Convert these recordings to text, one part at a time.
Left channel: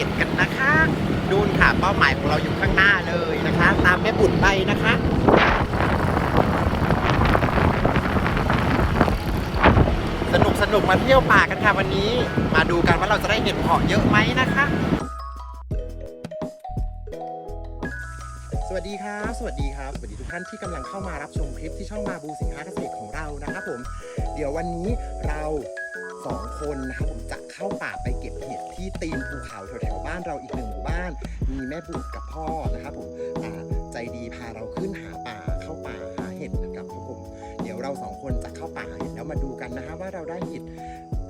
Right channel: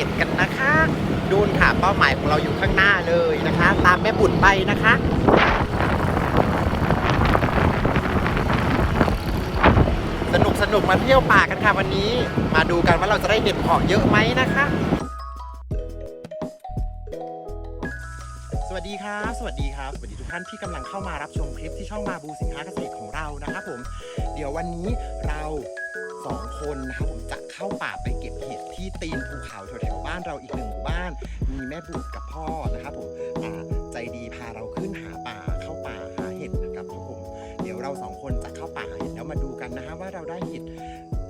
ห็ดกันนะคะดูค่ะเป้าหมายของเราอยู่ข้างหน้าเลยนะคะตามแม่บุญไปนะคะสนุกสนุกมาเที่ยวป่ากันค่ะวันนี้ มาดูกันว่าเราจะได้เห็ดหอมเยอะไหมนะคะ สวัสดีครับ สวัสดีครับ สวัสดีทุกท่านที่กำลังเข้ามารับชมคลิปที่ช่องมาบูสินค้าเกษตรของเรานะครับผม เดี๋ยววันนี้เราสองคนนะครับผมจะเข้าป่าไปเก็บเห็ด ที่ตีนภูเขาแถวๆบ้านเราอีกหนึ่งหมู่บ้าน มีแม่บุตรกับพ่อนะครับผมใจดีพาเราขึ้นหาป่าเข้าป่าหาเห็ดนะครับผมเดี๋ยวเราสองคนจะเข้าป่าเห็ดแล้วมาดูกันนะฮะว่าเราได้เห็ด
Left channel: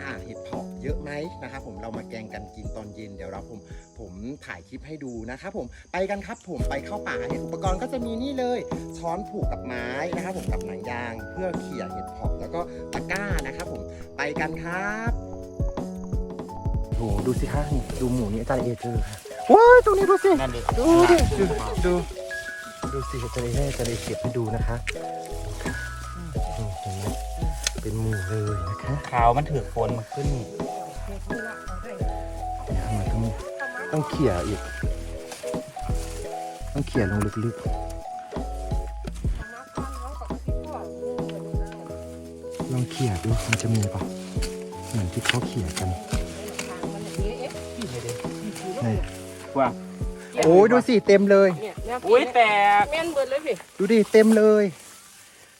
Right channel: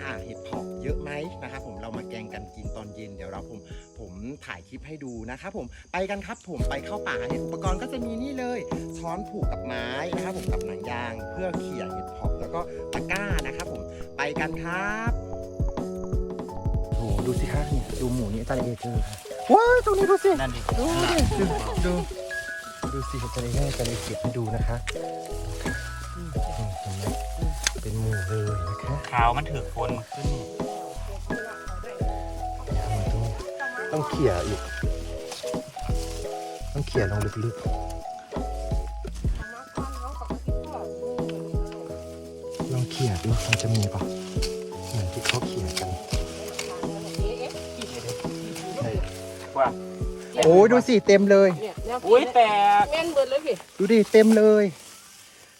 อ่าเห็ดเพาะเยอะไหมนะครับผมเรามาแกงกันกินตอนเย็นเดี๋ยวเราผมผมถ่ายคลิปให้ดูนะครับผมไปกันครับผมไปเข้าป่าเห็ดอุปกรณ์ก็จะมีนี่เลย ช้อนผูกกับไม้นะครับผมกับหนังยาง เพื่อเขี่ยเห็ดเพาะแล้วก็ตะกร้านะครับผมไปกันครับ ดูสิครับดูหมูนี่ใจเด็กเลยว้าวตรงนี้ดูสินั่นดิดูดูสิเขาจะเล่นกันในเก็บดูนะคะเป็นหมูเลยนะคะขาวมันถือฝนมันขึ้นต้องเขี่ยอีกต้องเขี่ยมันลึกๆต้องเขี่ยดูมันจะมีปะ ว่าโอ้ดูสิเต็มเลย เนี่ยเนี่ยอุ้ยแตกแม่นเบิดเลยพี่ดูดิเต็มเลย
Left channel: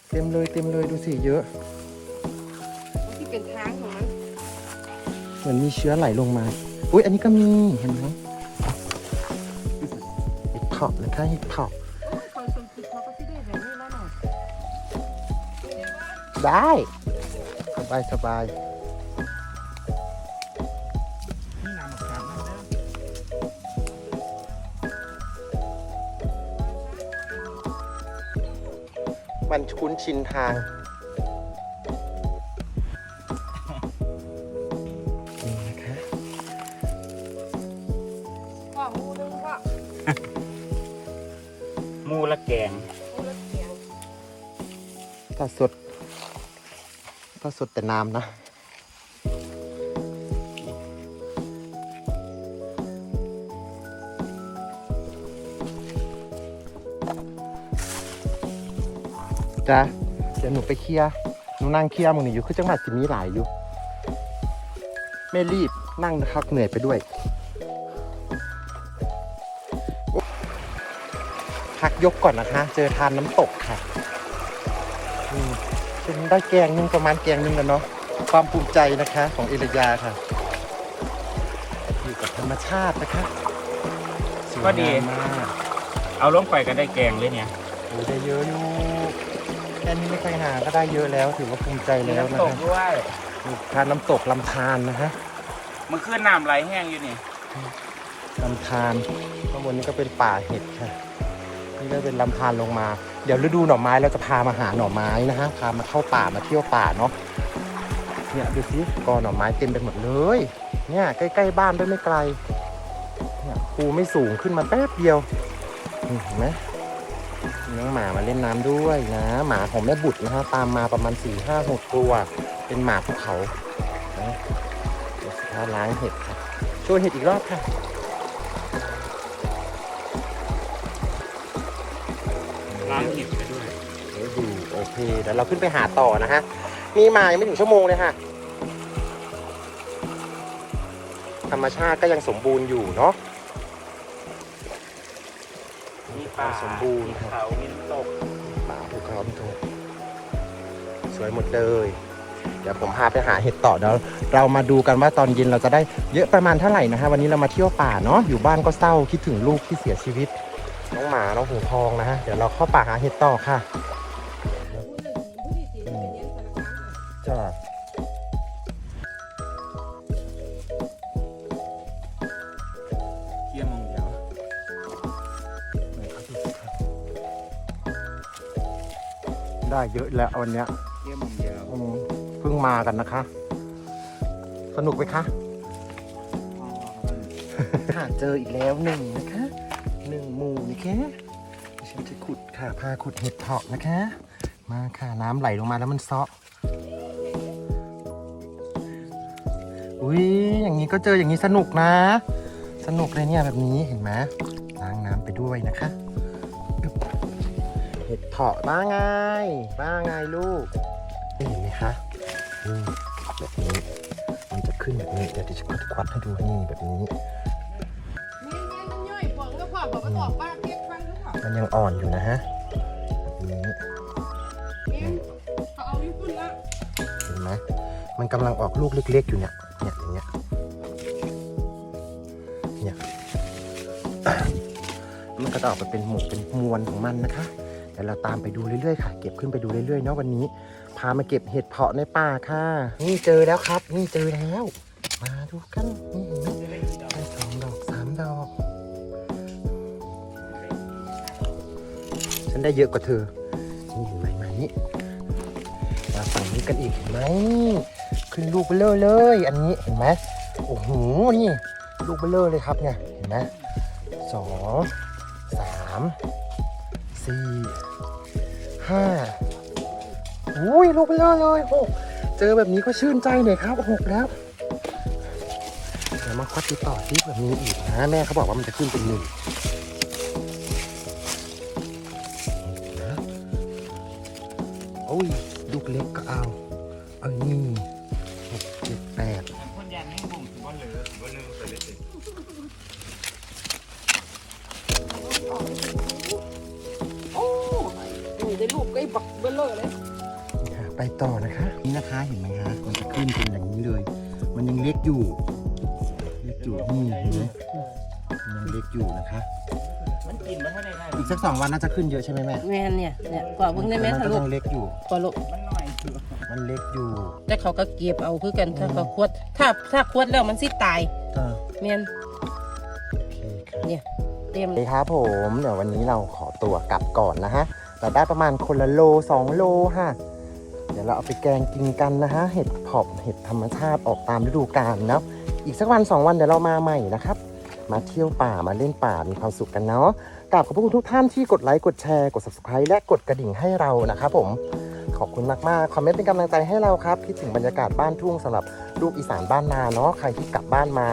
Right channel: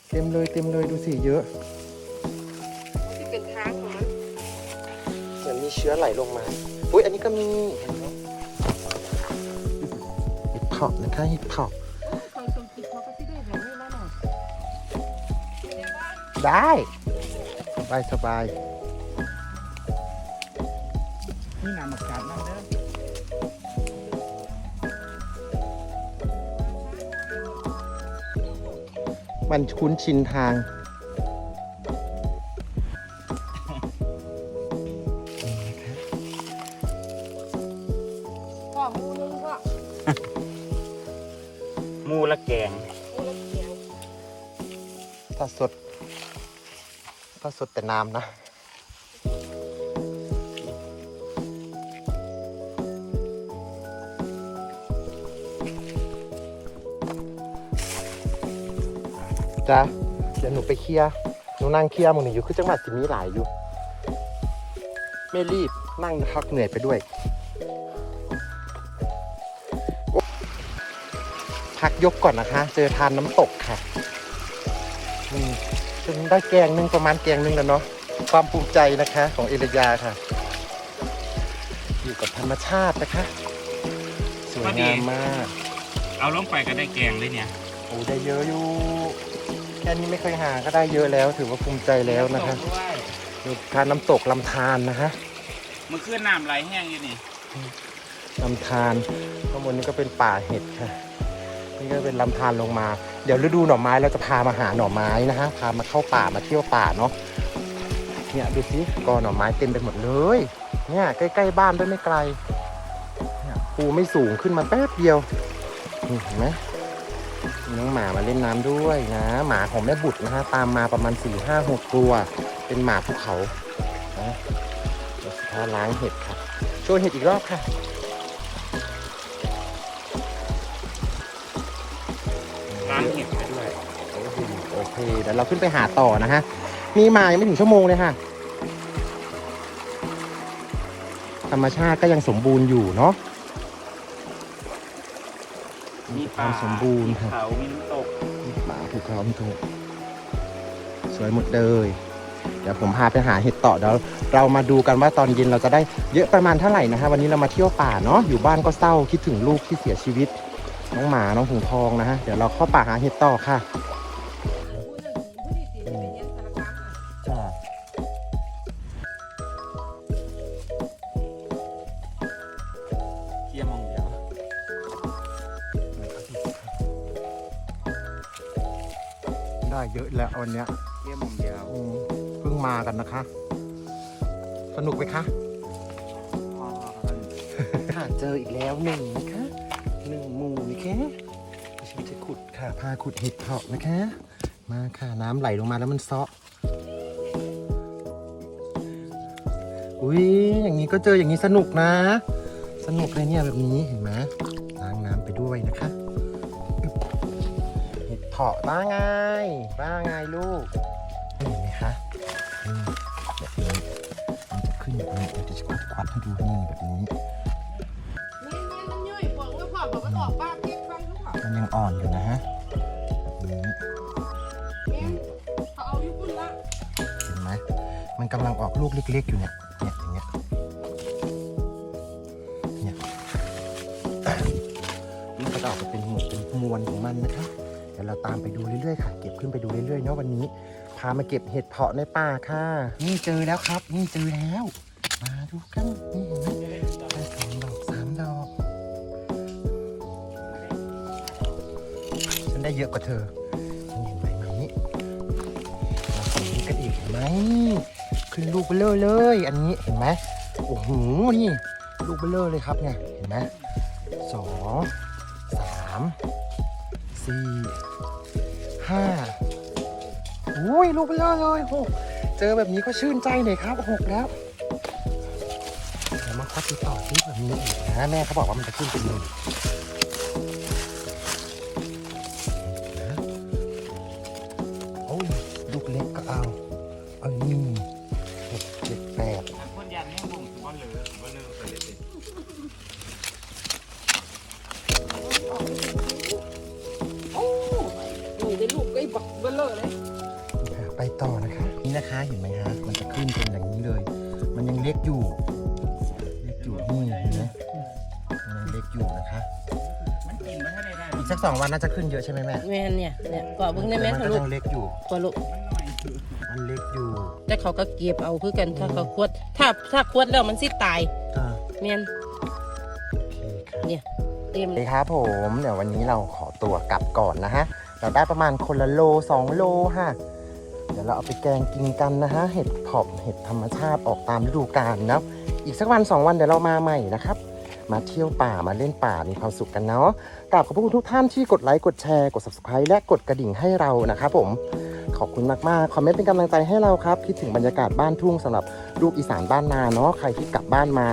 เต็มเลยเต็มเลยดูสิเยอะที่เป็นทางมาเหมือนมีเชื้อไหลลงมาอุ้ยอันนี้ก็มีเห็นไหมเห็ดท็อปนะคะเห็ดท็อปโอ้ยคอยคนคิดเขาก็ที่ได้แบบนี้มาหน่อยได้สบายสบายนี่น้ำมะขาม ชินทางนี่นะคะว่ามันว่ามูละแกงถ้าสดถ้าสดแต่น้ำนะ ไปเคลียร์นูนั่งเคลียร์หนูอยู่คือจังหวัดสิมีหลายอยู่ไม่รีบนั่งนะครับเหนื่อยไปด้วยพักยกก่อนนะคะ เจอทานน้ำตกค่ะอืมคุณได้แกงนึงประมาณแกงนึงกันเนาะความภูมิใจนะคะของเอเลียาค่ะอยู่กับธรรมชาตินะคะสวยงามมากเอาลงไปก็ได้แกงเลยเนี่ย ก็ได้เยอะแล้วถือว่าภูมิใจแล้วนะน้ำตคะกด้วย มีทานน้ำตกลำธารนะคะมันขึ้นน้ำไหลแห้งอยู่นี่ลำธารข้างบนนี้ก็เป็นป่าเห็ดค่ะนี่ก็เป็นลำธารลงมา เดี๋ยวฤดูหน่อไม้เราจะพามาหาหน่อไม้นะฮะ พามาเข้าป่ามาเที่ยวป่าเนาะ เนี่ยดูสิกอหน่อไม้เต็มไปหมดเลย เนี่ยใกล้ๆบ้านด้วยไม่ไกลเนี่ยปูไม่สูงขึ้นมาแป๊บเดียวนี่เห็นไหมมีหมาเล่นน้ำด้วยนะห แม่บุตรนะฮะตามมาประมาณสี่ห้าหกตัว เป็นหมาภูเขาเนาะเท้าร้อยเห็ดเจอเห็ดอีกแล้วค่ะร้านเห็ดไปด้วยโอเคโอเคเดี๋ยวเราขึ้นไปหาต่อนะฮะพี่มาไม่ถึงชั่วโมงเลยค่ะธรรมชาติก็ยังสมบูรณ์อยู่เนาะมีป่าสมบูรณ์ค่ะ ไปหาเห็ดต่อเดี๋ยวเรามาดูกันว่าตอนเย็นเราจะได้เยอะประมาณเท่าไหร่นะฮะวันนี้เรามาเที่ยวป่าเนาะอยู่บ้านก็เศร้าคิดถึงลูกที่เสียชีวิตน้องหมาน้องหินทองนะฮะเดี๋ยวเราเข้าป่าหาเห็ดต่อค่ะผู้หนึ่งผู้ที่สี่เป็นยังสารพัดจ้าเกี่ยมองเดียวได้เยอะแล้ววันเนี้ยเกี่ยมองเดียวอื มากันนะคะ สนุกไหมคะเจออีกแล้วหนึ่งนะคะหนึ่งหมู่นะคะฉันจะขุดค่ะพาขุดเห็ดเพาะนะคะ มาค่ะน้ำไหลลงมาแล้วมันซอกอุ้ยอย่างนี้ก็เจออย่างนี้สนุกนะ สนุกเลยเนี่ยแบบนี้เห็นไหม ขึ้นแบบนี้เดี๋ยวจะควัดควัดให้ดูนี่แบบนี้มันยังอ่อนอยู่นะฮะแบบนี้เนี่ยเห็นไหมมันกำลังออกลูกเล็กๆอยู่เนี่ยเนี่ยอย่างเงี้ยนี่ก็จะออกมาเป็นหมวกเป็นมวลของมันนะคะเดี๋ยวเราตามไปดูเรื่อยๆค่ะ เก็บขึ้นไปดูเรื่อยๆเนาะวันนี้ พามาเก็บเห็ดเพาะในป่าค่ะ นี่เจอแล้วครับ นี่เจอแล้ว มาดูกันนี่เห็นไหมได้สองดอกสามดอกฉันได้เยอะกว่าเธอนี่เห็นไหมไหนเราสีกันอีกแล้วกินลูกเบลอเลย อันนี้เห็นไหมโอ้โหนี่ลูกเบลอเลยครับเนี่ยเห็นไหมสองสามสี่ห้า โอ้ยลูกเบลอเลยพวกเจอแบบนี้ก็ชื่นใจหน่อยครับหกแล้วมาคัดดูต่อที่แบบนี้อีกนะแม่เขาบอกว่ามันจะขึ้นเป็นหนึ่งโอ้ยลูกเล็กก็เอาเอาหนึ่งหกเจ็ดแปดคนยันให้ผมบอลเหลือบอลเลือใส่เลยสิโอ้ยได้ลูกไอ้บักเบลเลอร์เลย นะคะนี่นะคะเห็นไหมฮะมันจะขึ้นเป็นอย่างนี้เลย มันยังเล็กอยู่ เล็กอยู่นี่เห็นไหมมันยังเล็กอยู่นะคะ มันกินไม่ให้ได้ได้อีกสักสองวันน่าจะขึ้นเยอะใช่ไหมแม่แม่นเนี่ยเนี่ยกว่าเบิ่งได้แม่นทะก็ลุยังเล็กอยู่ กว่าลูกมันหน่อยคือมันเล็กอยู่แต่เขาก็เก็บเอาคือกันถ้าเขาควด ถ้าถ้าควดแล้วมันสิตายอ่าแม่นโอเคครับเนี่ยเต็มสวัสดีครับผมเดี๋ยววันนี้เราขอตัวกลับก่อนนะฮะเราได้ประมาณคนละโลสองโลค่ะ เราเอาไปแกงกินกันนะฮะเห็ดเพาะเห็ดธรรมชาติออกตามฤดูกาลนะอีกสักวันสองวันเดี๋ยวเรามาใหม่นะครับ มาเที่ยวป่ามาเล่นป่ามีความสุขกันเนาะแต่ขอบคุณทุกท่านที่กดไลค์กดแชร์กด subscribe และกดกระดิ่งให้เรานะครับผมขอบคุณมากมากๆคอมเมนต์เป็นกำลังใจให้เราครับคิดถึงบรรยากาศบ้านทุ่งสำหรับลูกอีสานบ้านนาเนาะใครที่กลับบ้านมา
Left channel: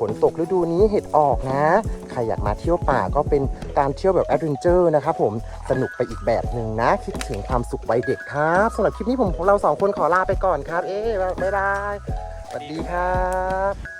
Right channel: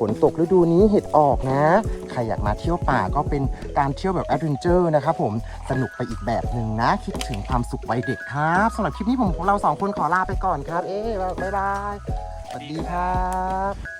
ฝนตกฤดูนี้เห็ดออกนะ ใครอยากมาเที่ยวป่าก็เป็นการเที่ยวแบบแอดเวนเจอร์นะครับผม สนุกไปอีกแบบหนึ่งนะ คิดถึงความสุขวัยเด็กครับสำหรับคลิปนี้ผมของเราสองคนขอลาไปก่อนครับ เอ๊ะบ๊ายบายสวัสดีครับ